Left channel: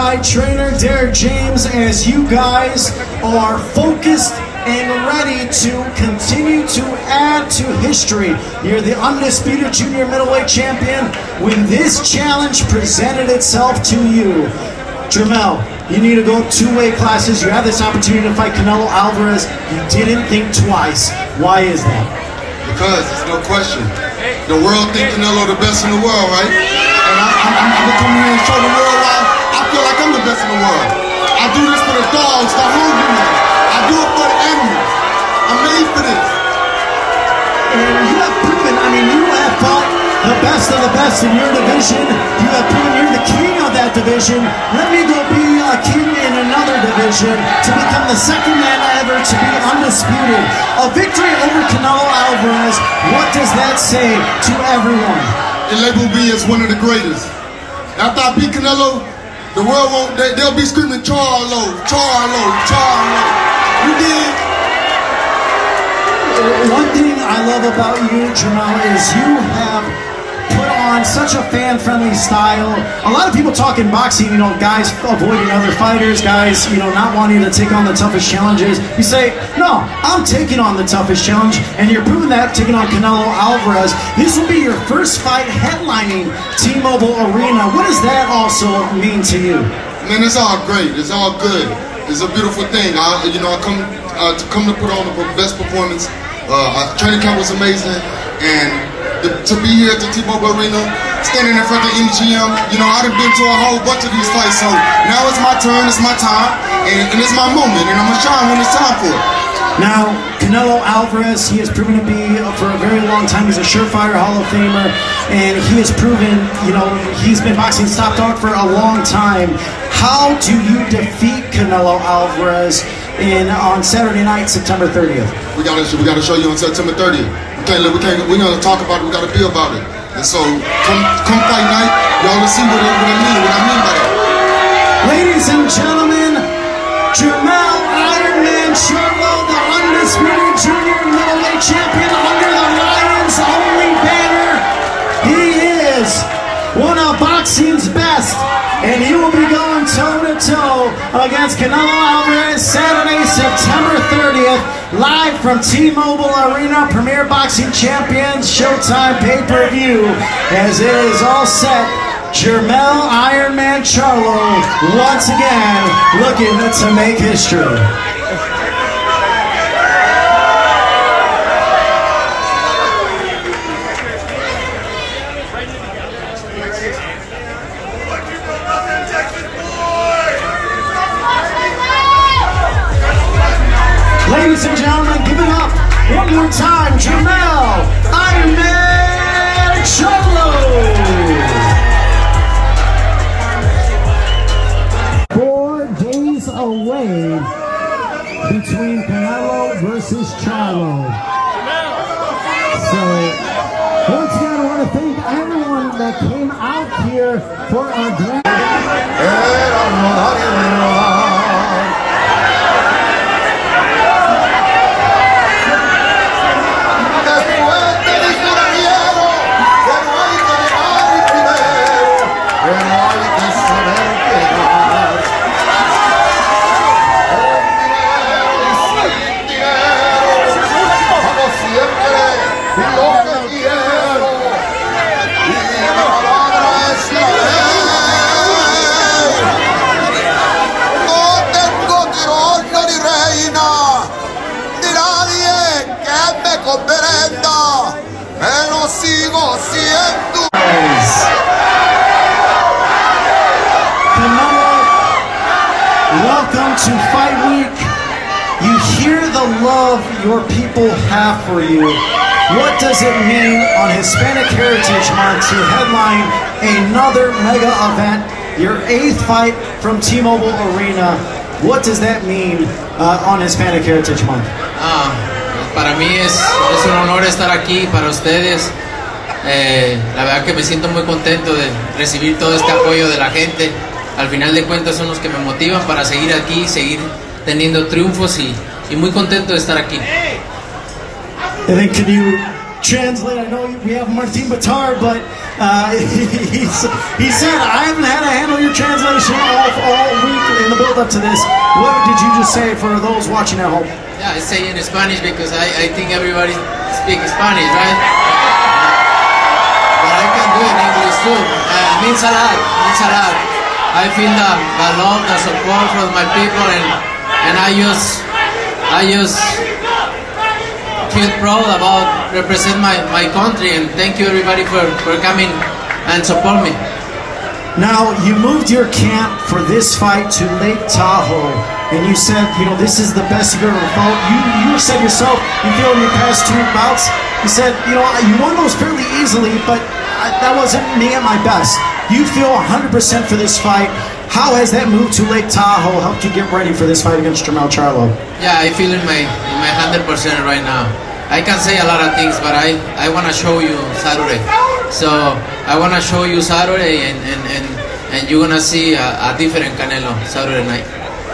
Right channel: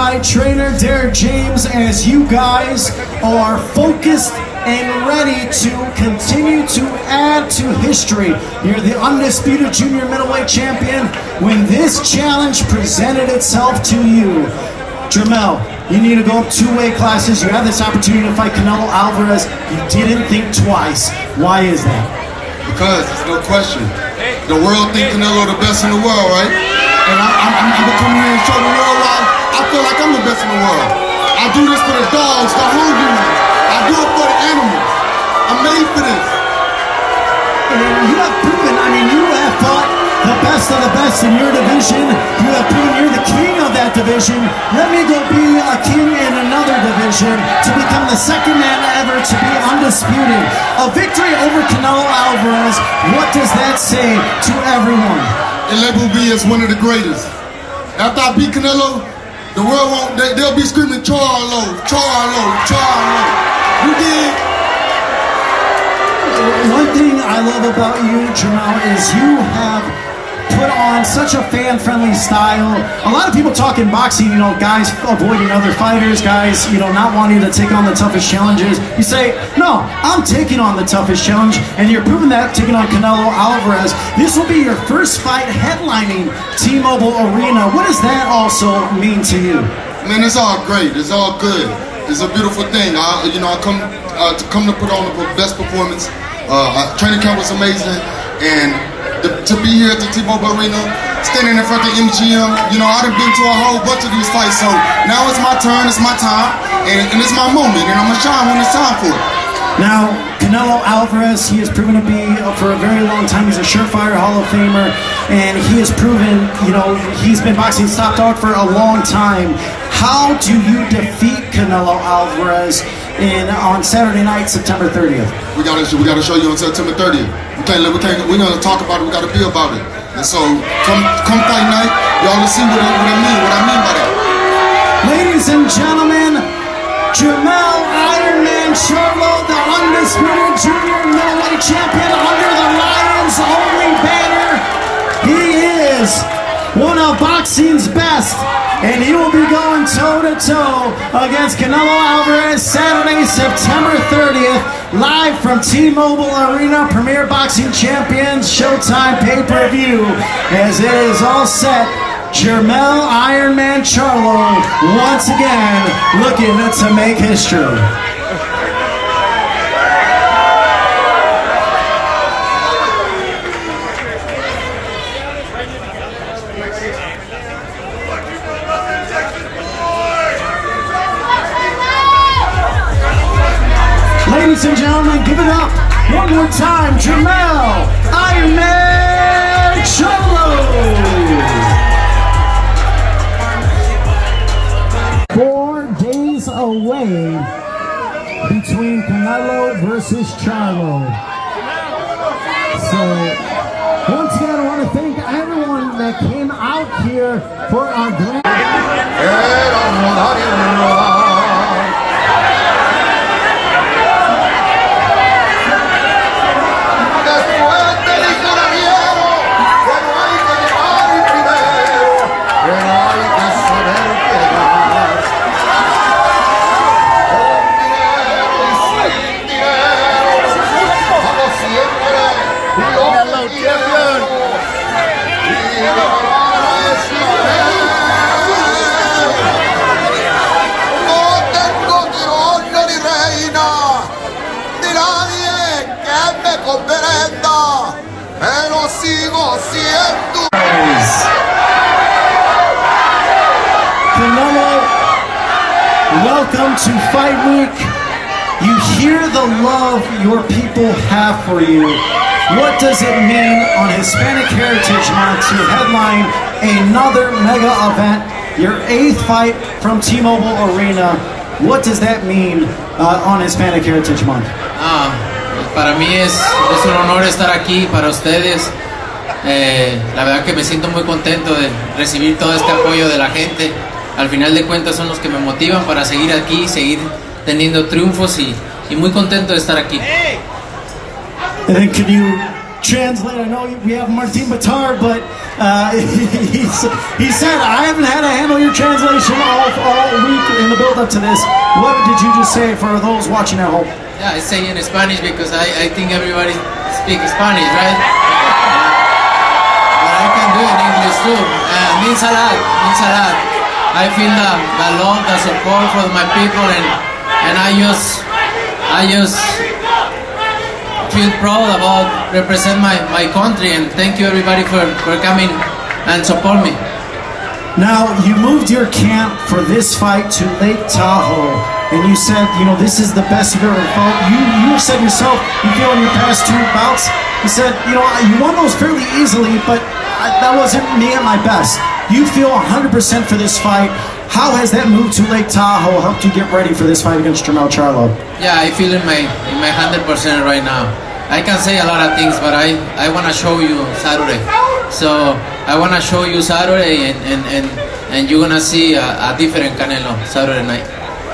by trainer Derek James, as you guys are focused and ready to continue to add to history. You're the undisputed junior middleweight champion when this challenge presented itself to you. Jermell, you need to go 2 weight classes. You have this opportunity to fight Canelo Alvarez. You didn't think twice. Why is that? Because there's no question. The world thinks Canelo the best in the world, right? And I'm gonna come here and show the world why I feel like I'm the best in the world. I do this for the dogs, the hungry ones. I do it for the animals. I'm made for this. And you have proven, I mean, you have fought the best of the best in your division. You have proven you're the king of that division. Let me go be a king in another division to become the second man ever to be undisputed. A victory over Canelo Alvarez, what does that say to everyone? It labeled me as one of the greatest. After I beat Canelo, the world won't, they'll be screaming, Charlo, Charlo, Charlo. You did. One thing I love about you, Jermell, is you have put on such a fan-friendly style. A lot of people talk in boxing, you know, guys avoiding other fighters, guys, you know, not wanting to take on the toughest challenges. You say, no, I'm taking on the toughest challenge, and you're proving that, taking on Canelo Alvarez. This will be your first fight headlining T-Mobile Arena. What does that also mean to you? Man, it's all great. It's all good. It's a beautiful thing. I come to put on the best performance. Training camp was amazing, and to be here at the T-Mobile Arena, standing in front of the MGM, you know, I've been to a whole bunch of these fights, so now it's my turn, it's my time, and it's my moment, and I'm gonna shine when it's time for it. Now, Canelo Alvarez, he has proven to be, for a very long time, he's a surefire Hall of Famer, and he has proven, you know, he's been boxing top dog for a long time. How do you defeat Canelo Alvarez on Saturday night, September 30th? We gotta show you on September 30th. We're gonna talk about it, we gotta be about it. And so, come fight night, y'all will see what I mean by that. Ladies and gentlemen, Jermell Iron Man Charlo, the undisputed junior middleweight champion under the Lions only banner. He is one of boxing's best, and he will be going toe-to-toe against Canelo Alvarez Saturday, September 30th, live from T-Mobile Arena, Premier Boxing Champions Showtime pay-per-view. As it is all set, Jermell Iron Man Charlo once again looking to make history. Ladies and gentlemen, give it up one more time, Jermell Iron Man Charlo. 4 days away between Canelo versus Charlo. So, once again, I want to thank everyone that came out here for our grand. Pero sigo siendo. Canelo, welcome to Fight Week. You hear the love your people have for you. What does it mean on Hispanic Heritage Month to headline another mega event, your 8th fight from T-Mobile Arena? What does that mean on Hispanic Heritage Month? Para mí es un honor estar aquí para ustedes. La verdad que me siento muy contento de recibir todo este apoyo de la gente. Al final de cuentas son los que me motivan para seguir aquí, seguir teniendo triunfos y muy contento de estar aquí. And then can you translate. I know we have Martin Batar, but he said, I haven't had to handle your translation all week in the build-up to this. What did you just say for those watching at home? Yeah, I say in Spanish because I think everybody speaks Spanish, right? But I can do it in English too. Means a lot, means a lot. I feel the love, the support for my people, and I just feel proud about represent my country, and thank you everybody for coming and support me. Now, you moved your camp for this fight to Lake Tahoe, and you said, you know, this is the best you've ever felt. You said yourself, you feel in your past 2 bouts, you said, you know, you won those fairly easily, but that wasn't me at my best. You feel 100% for this fight. How has that move to Lake Tahoe helped you get ready for this fight against Jermell Charlo? Yeah, I feel in my 100% right now. I can say a lot of things, but I want to show you Saturday. So I want to show you Saturday, and you're gonna see a different Canelo Saturday night.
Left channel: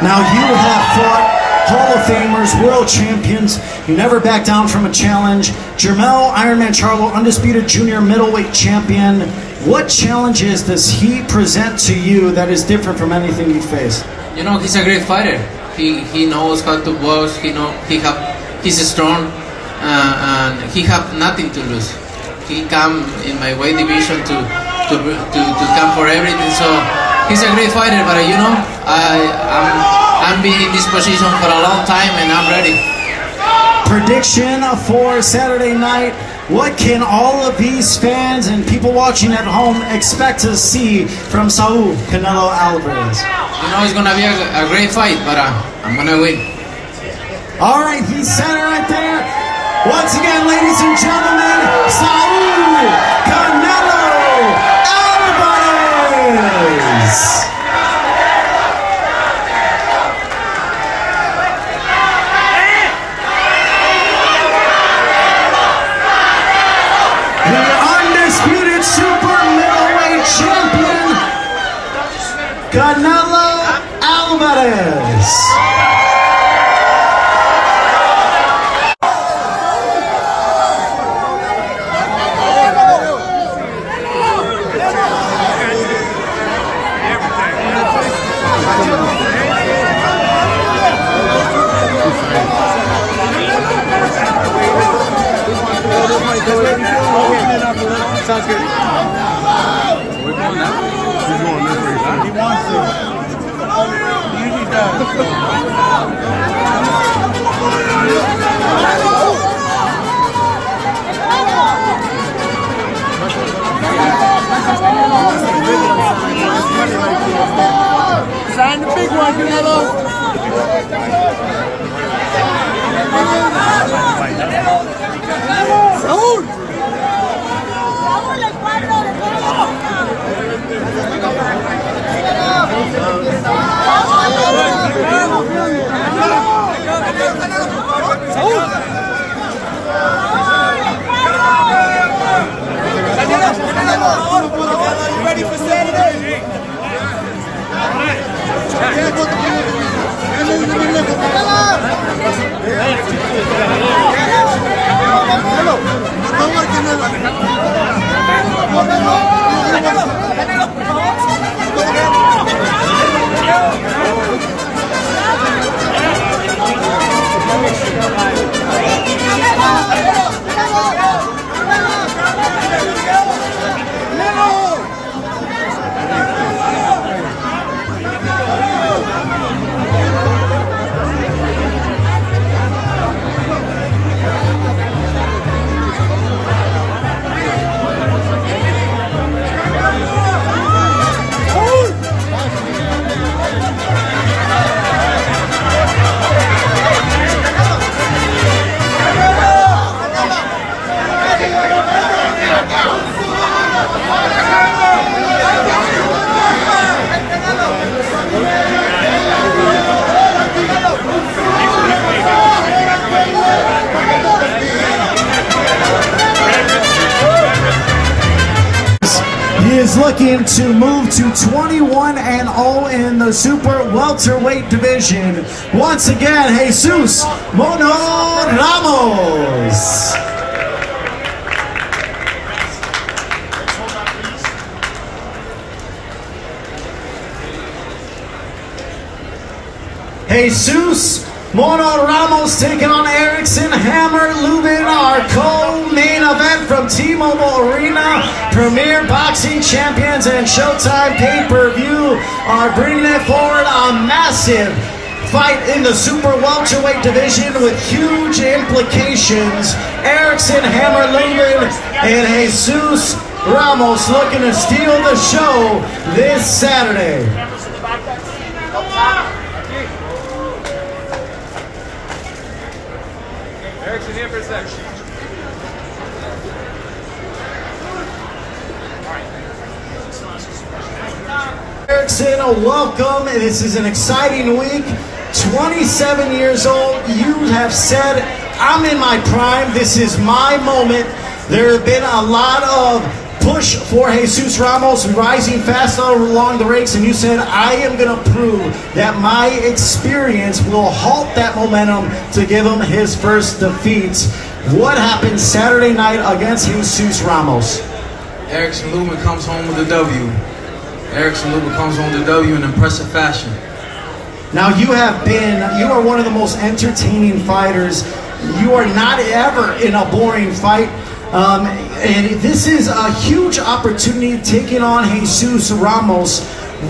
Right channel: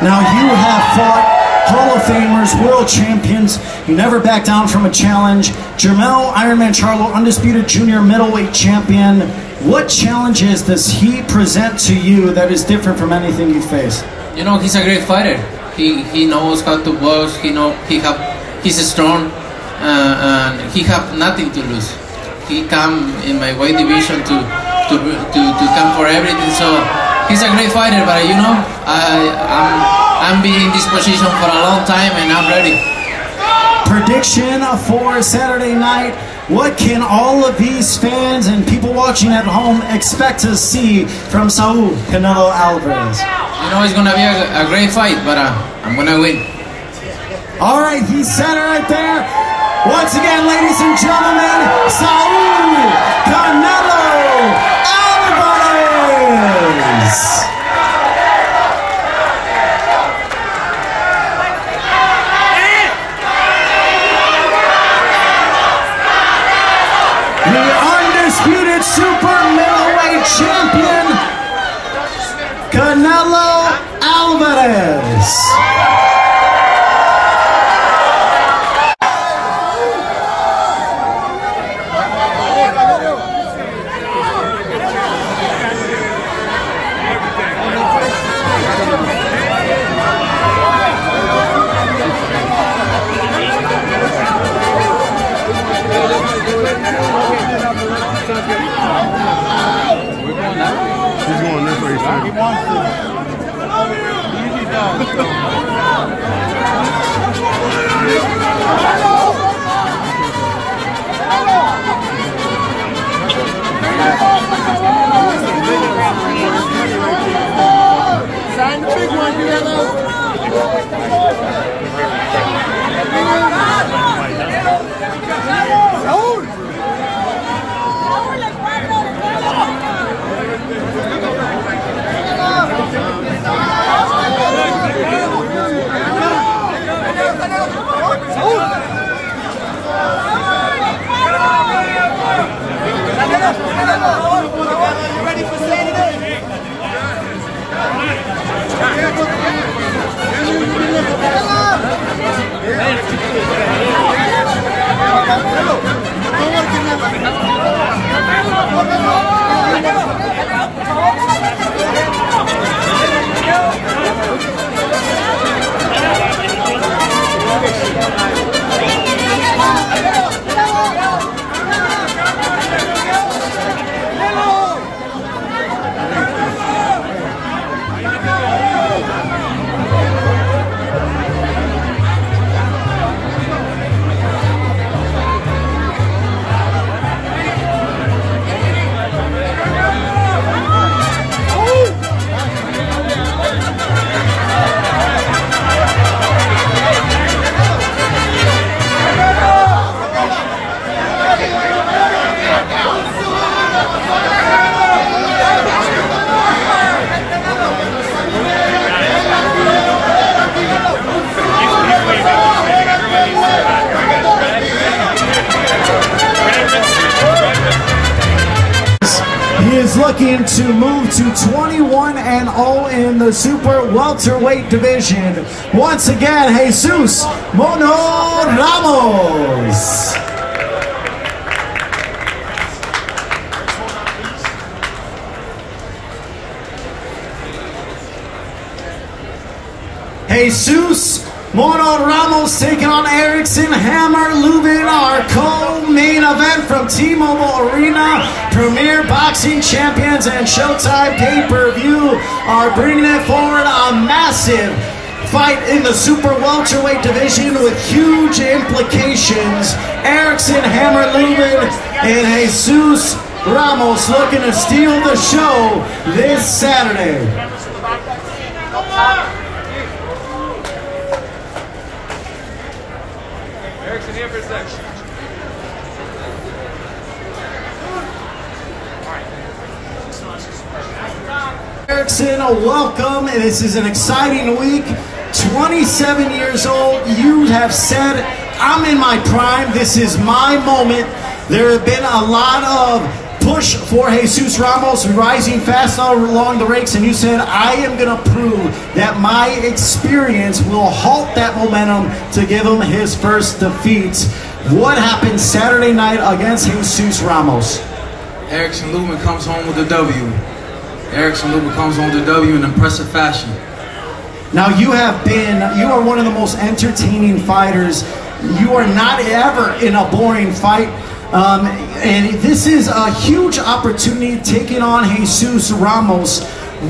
Now you have fought Hall of Famers, world champions. You never back down from a challenge. Jermell Ironman Charlo, undisputed junior middleweight champion. What challenges does he present to you that is different from anything you face? You know, he's a great fighter. He knows how to box. He's strong, and he have nothing to lose. He come in my weight division to come for everything. So he's a great fighter. But you know, I'm been in this position for a long time, and I'm ready. Prediction for Saturday night. What can all of these fans and people watching at home expect to see from Saul Canelo Alvarez? You know, it's gonna be a great fight, but I'm gonna win. All right, he said it right there. Once again, ladies and gentlemen, Saul Canelo Alvarez. The undisputed super middleweight champion, Canelo Alvarez. Sounds good. We're going now? He's going this way. He wants to. He usually does. Sign the big one, Canelo. Ready for Saturday? He is looking to move to 21-0 in the super welterweight division. Once again, Jesus Mono Ramos. Jesus Mono Ramos taking on Erickson Hammer Lubin, our co-main event from T-Mobile Arena. Premier Boxing Champions and Showtime pay-per-view are bringing it forward. A massive fight in the super welterweight division with huge implications. Erickson Hammer Lubin and Jesus Ramos looking to steal the show this Saturday. Erickson here for a second. Erickson, welcome. This is an exciting week. 27 years old. You have said, I'm in my prime. This is my moment. There have been a lot of push for Jesus Ramos rising fast along the ranks, and you said, I am going to prove that my experience will halt that momentum to give him his first defeat. What happened Saturday night against Jesus Ramos? Erickson Lubin comes home with a W. Erickson Lubin comes home with a W in impressive fashion. Now you are one of the most entertaining fighters. You are not ever in a boring fight. And this is a huge opportunity taking on Jesus Ramos.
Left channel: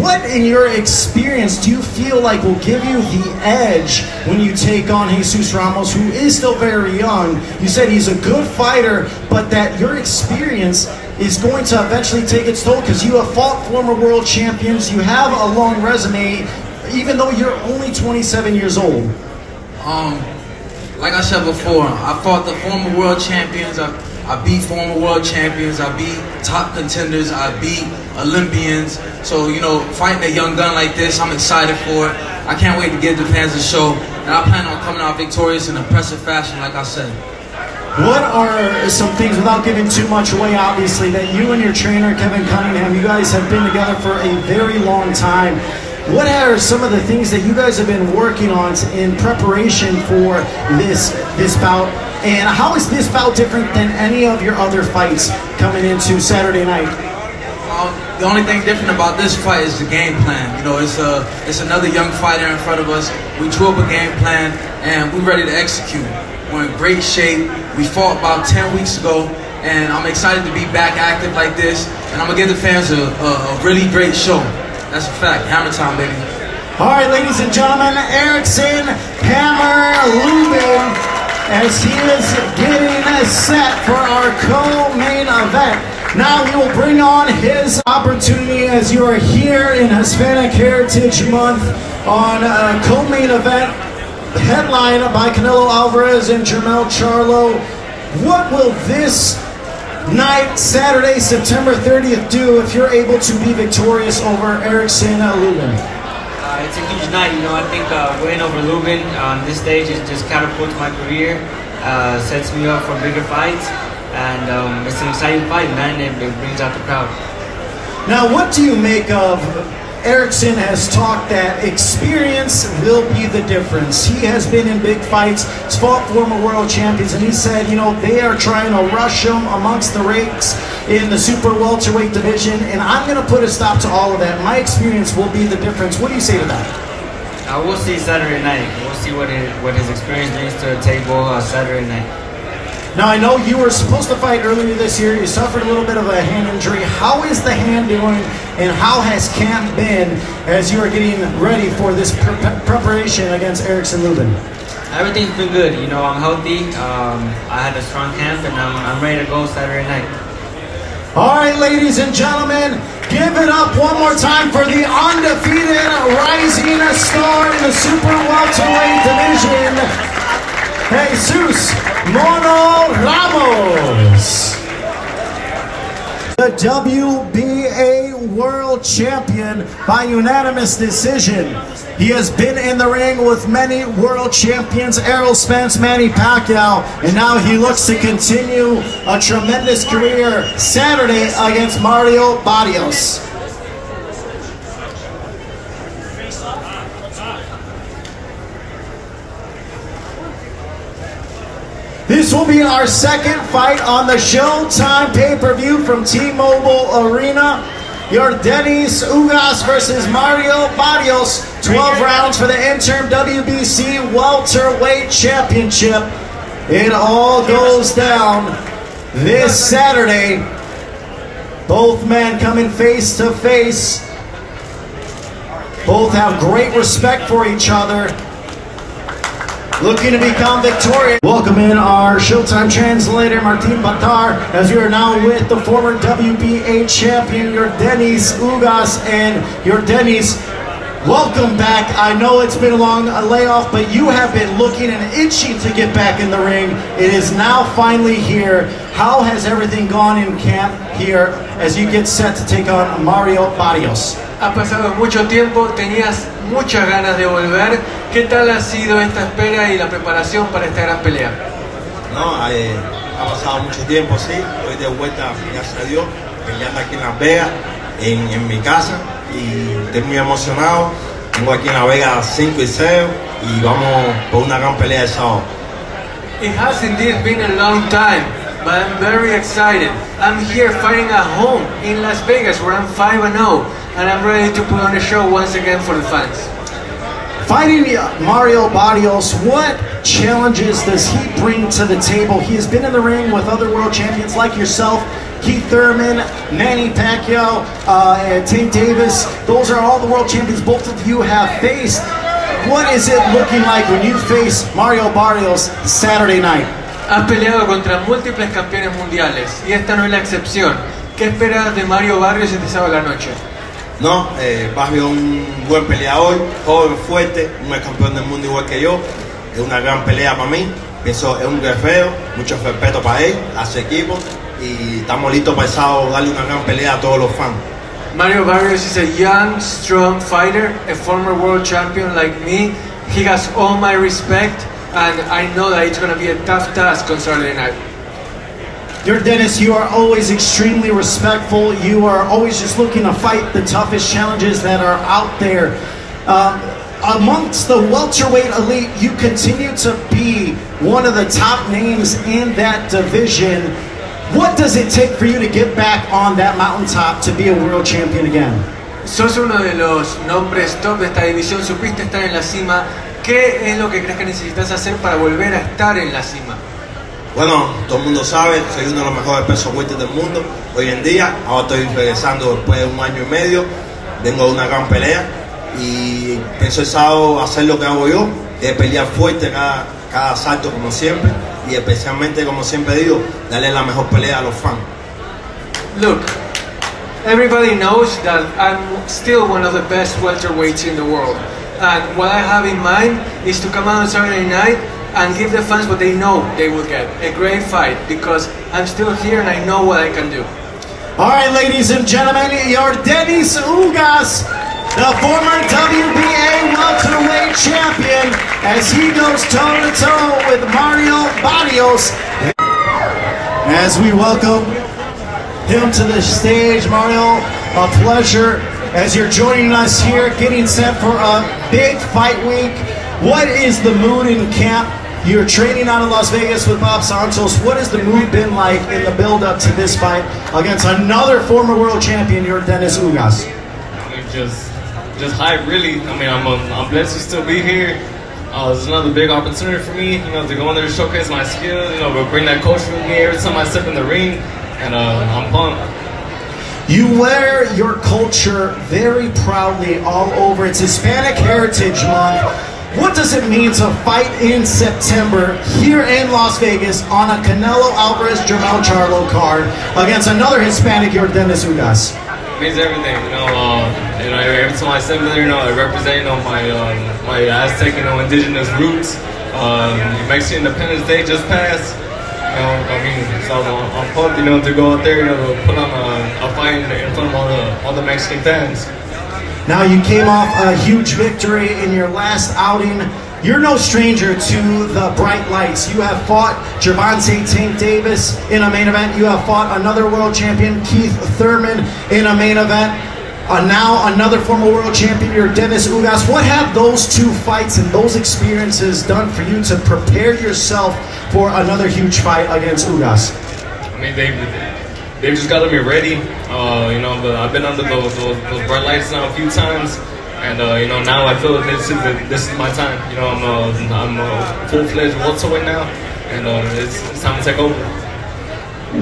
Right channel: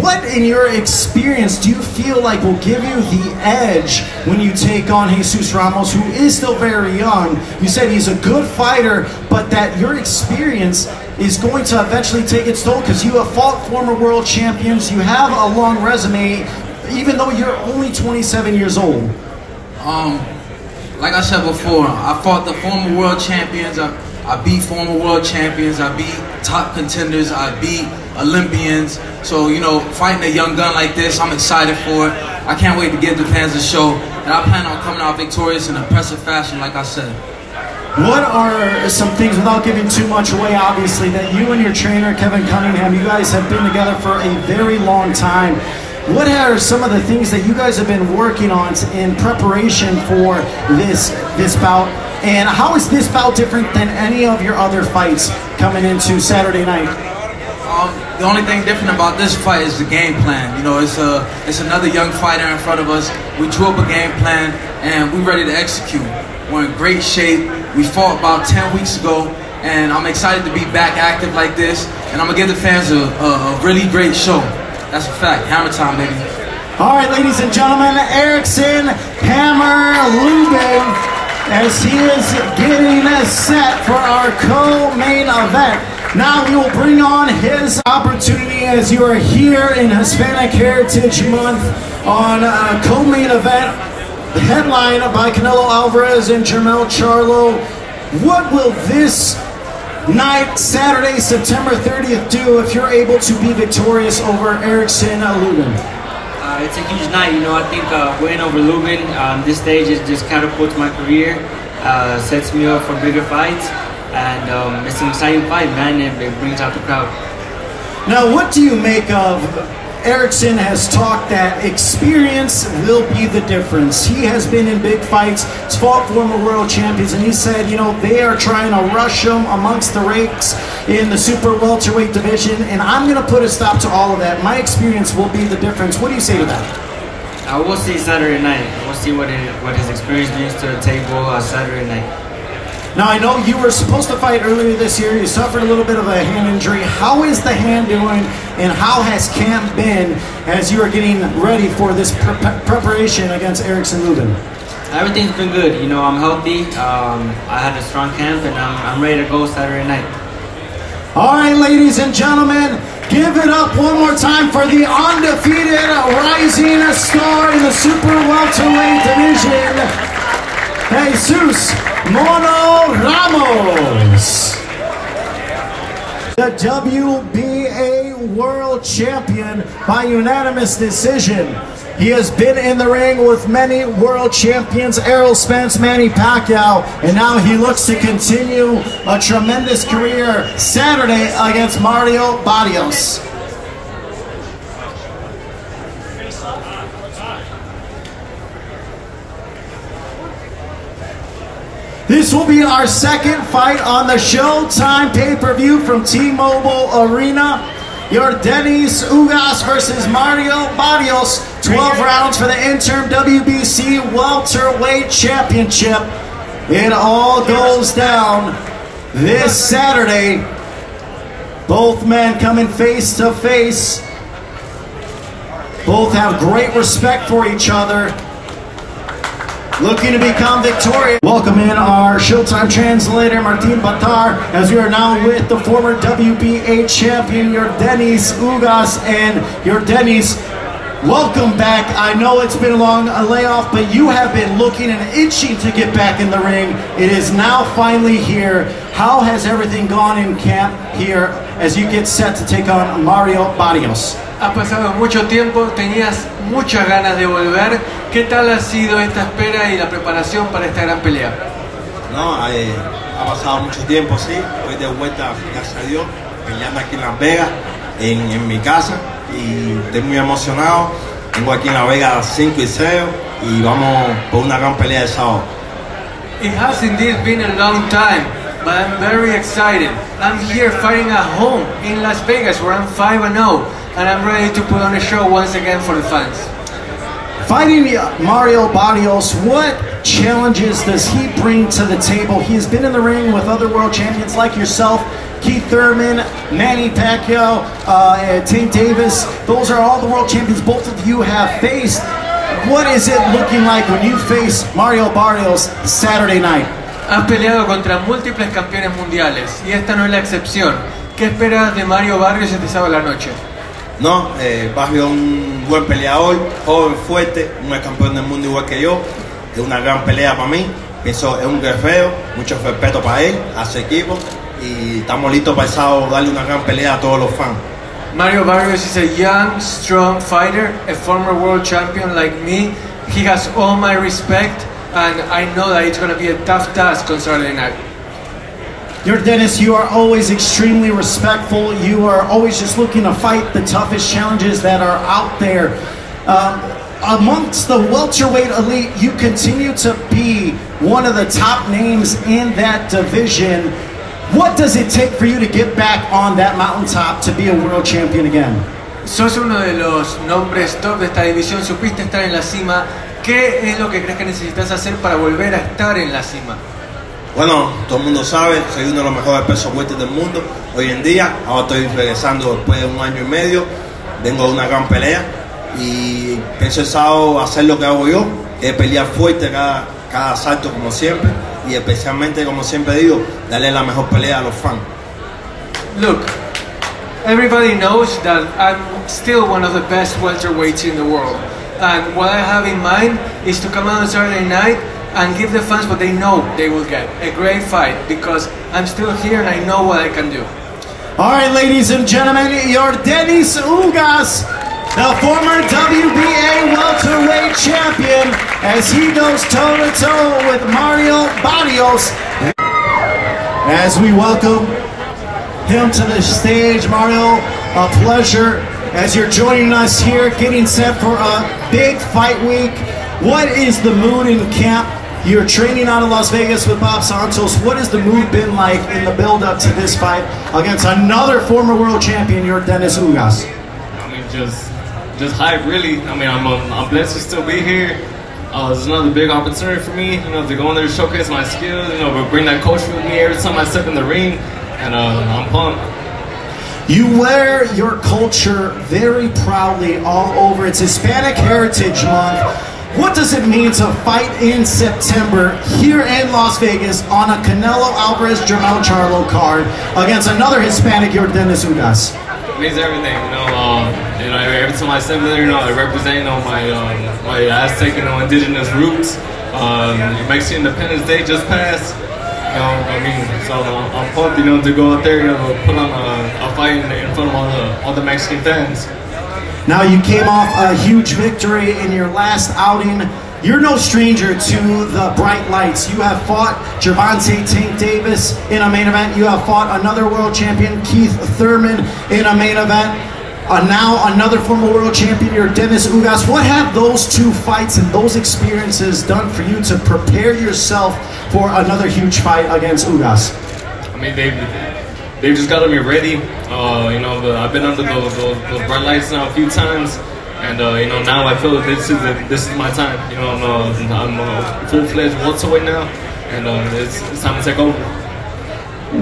What, in your experience, do you feel like will give you the edge when you take on Jesus Ramos, who is still very young? You said he's a good fighter, but that your experience is going to eventually take its toll because you have fought former world champions. You have a long resume, even though you're only 27 years old. Like I said before, I fought the former world champions. I beat former world champions, I beat top contenders, I beat Olympians. So, you know, fighting a young gun like this, I'm excited for it. I can't wait to give the fans a show. And I plan on coming out victorious in impressive fashion, like I said. What are some things, without giving too much away, obviously, that you and your trainer, Kevin Cunningham, you guys have been together for a very long time. What are some of the things that you guys have been working on in preparation for this bout? And how is this bout different than any of your other fights coming into Saturday night? The only thing different about this fight is the game plan. You know, it's another young fighter in front of us. We drew up a game plan, and we're ready to execute. We're in great shape. We fought about 10 weeks ago, and I'm excited to be back active like this. And I'm going to give the fans a really great show. That's a fact. Hammer time, baby. All right, ladies and gentlemen, Erickson Hammer Lubin, as he is getting set for our co-main event. Now we will bring on his opportunity as you are here in Hispanic Heritage Month on a co-main event headlined by Canelo, Alvarez, and Jermell, Charlo. What will this night, Saturday, September 30th, do if you're able to be victorious over Erickson Lubin? It's a huge night, you know. I think winning over Lubin on this stage just catapults my career, sets me up for bigger fights, and it's an exciting fight, man. It brings out the crowd. Now, what do you make of Erickson has talked that experience will be the difference. He has been in big fights, he's fought former world champions, and he said, you know, they are trying to rush him amongst the ranks in the super welterweight division, and I'm going to put a stop to all of that. My experience will be the difference. What do you say to that? I will see Saturday night. We'll see what his experience brings to the table Saturday night. Now, I know you were supposed to fight earlier this year. You suffered a little bit of a hand injury. How is the hand doing, and how has camp been as you are getting ready for this preparation against Erickson Lubin? Everything's been good. You know, I'm healthy. I had a strong camp, and I'm ready to go Saturday night. All right, ladies and gentlemen, give it up one more time for the undefeated rising star in the super welterweight division, Jesus Mono Ramos, the WBA world champion by unanimous decision. He has been in the ring with many world champions, Errol Spence, Manny Pacquiao, and now he looks to continue a tremendous career Saturday against Mario Barrios. This will be our second fight on the Showtime pay-per-view from T-Mobile Arena. Yordenis Ugas versus Mario Barrios. 12 rounds for the interim WBC welterweight championship. It all goes down this Saturday. Both men coming face to face. Both have great respect for each other. Looking to become victorious. Welcome in our Showtime translator, Martin Bakar, as we are now with the former WBA champion, Yordenis Ugas. And Yordenis, welcome back. I know it's been a long layoff, but you have been looking and itching to get back in the ring. It is now finally here. How has everything gone in camp here as you get set to take on Mario Barrios? Ha pasado mucho tiempo, tenías muchas ganas de volver. ¿Qué tal ha sido esta espera y la preparación para esta gran pelea? No, ha pasado mucho tiempo, sí. Estoy de vuelta, gracias a Dios, peleando aquí en Las Vegas, en mi casa. Y estoy muy emocionado. Vengo aquí en Las Vegas a las 5 y 6 y vamos por una gran pelea el sábado. It has indeed been a long time, but I'm very excited. I'm here fighting at home in Las Vegas where I'm 5-0. And I'm ready to put on a show once again for the fans. Fighting Mario Barrios, what challenges does he bring to the table? He has been in the ring with other world champions like yourself, Keith Thurman, Manny Pacquiao, Tank Davis. Those are all the world champions both of you have faced. What is it looking like when you face Mario Barrios Saturday night? Has peleado contra múltiples campeones mundiales y esta no es la excepción. ¿Qué esperas de Mario Barrios este sábado a la noche? No, Barrio es un buen peleador, joven, fuerte, un campeón del mundo igual que yo, es una gran pelea para mí, pienso es un guerrero, mucho respeto para él, a su equipo y estamos listos para el sábado darle una gran pelea a todos los fans. Mario Barrios is a young, strong fighter, a former world champion like me. He has all my respect and I know that it's going to be a tough task on Saturday night. Yordenis, you are always extremely respectful. You are always just looking to fight the toughest challenges that are out there. Amongst the welterweight elite, you continue to be one of the top names in that division. What does it take for you to get back on that mountaintop to be a world champion again? Sos uno de los nombres top de esta división, supiste estar en la cima. ¿Qué es lo que crees que necesitas hacer para volver a estar en la cima? Bueno, todo el mundo sabe, soy uno de los mejores pesos muertos del mundo hoy en día. Ahora estoy regresando después de 1 año y medio, vengo de una gran pelea y pienso el sábado hacer lo que hago yo, que es pelear fuerte cada asalto como siempre y especialmente, como siempre digo, darle la mejor pelea a los fans. Look, everybody knows that I'm still one of the best welterweights in the world, and what I have in mind is to come out on Saturday night and give the fans what they know they will get, a great fight, because I'm still here and I know what I can do. All right, ladies and gentlemen, Yordenis Ugas, the former WBA welterweight champion, as he goes toe-to-toe with Mario Barrios. As we welcome him to the stage, Mario, a pleasure as you're joining us here, getting set for a big fight week. What is the mood in camp? You're training out in Las Vegas with Bob Santos. What has the mood been like in the build-up to this fight against another former world champion, Yordenis Ugas? Just hype, really. I mean, I'm blessed to still be here. It's another big opportunity for me, to go in there and showcase my skills. Bring that culture with me every time I step in the ring, and I'm pumped. You wear your culture very proudly all over. It's Hispanic Heritage Month. What does it mean to fight in September here in Las Vegas on a Canelo Alvarez Jermell Charlo card against another Hispanic Yordenis Ugas? It means everything. Every time I step in there, I represent my Aztec and indigenous roots. Mexican Independence Day just passed. So I'm pumped, to go out there and put on a fight in front of all the Mexican fans. Now you came off a huge victory in your last outing. You're no stranger to the bright lights. You have fought Gervonta Tank Davis in a main event. You have fought another world champion, Keith Thurman, in a main event. Now another former world champion, Yordenis Ugas. What have those two fights and those experiences done for you to prepare yourself for another huge fight against Ugas? I mean, they just got me ready. You know, but I've been under those bright lights now a few times, and you know, now I feel that this is my time. You know, I'm a full-fledged welterweight now, and it's time to take over.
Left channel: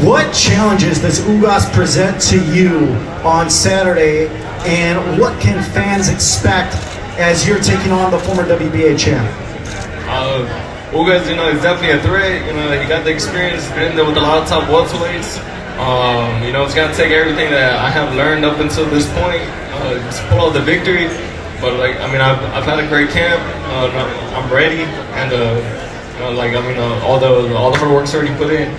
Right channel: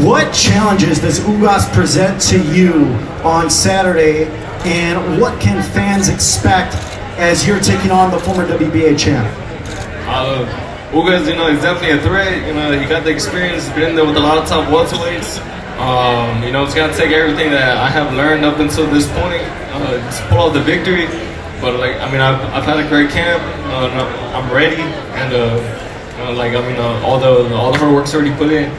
What challenges does Ugas present to you on Saturday, and what can fans expect as you're taking on the former WBA champ? Ugas, you know, is definitely a threat. You know, he got the experience, been there with a lot of top welterweights. You know, it's got to take everything that I have learned up until this point to pull out the victory. But like, I mean, I've had a great camp. I'm ready, and you know, like, I mean, all the hard work's already put in.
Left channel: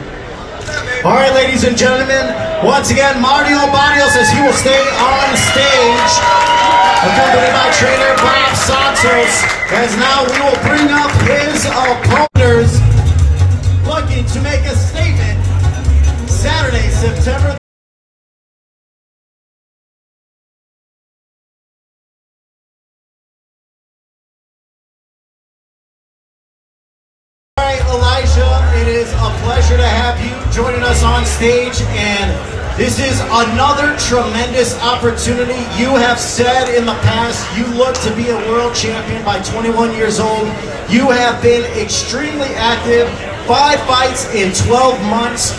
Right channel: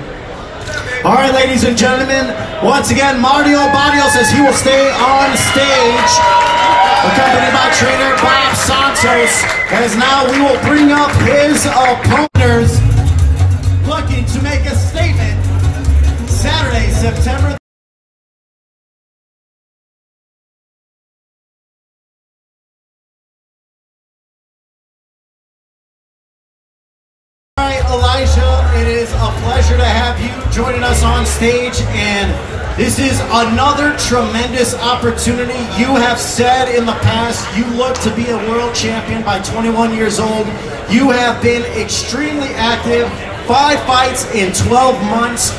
All right, ladies and gentlemen, once again, Mario Barrios says he will stay on stage, accompanied by trainer Bob Santos, as now we will bring up his opponents looking to make a statement Saturday, September. Elijah, it is a pleasure to have you joining us on stage, and this is another tremendous opportunity. You have said in the past you look to be a world champion by 21 years old. You have been extremely active, 5 fights in 12 months.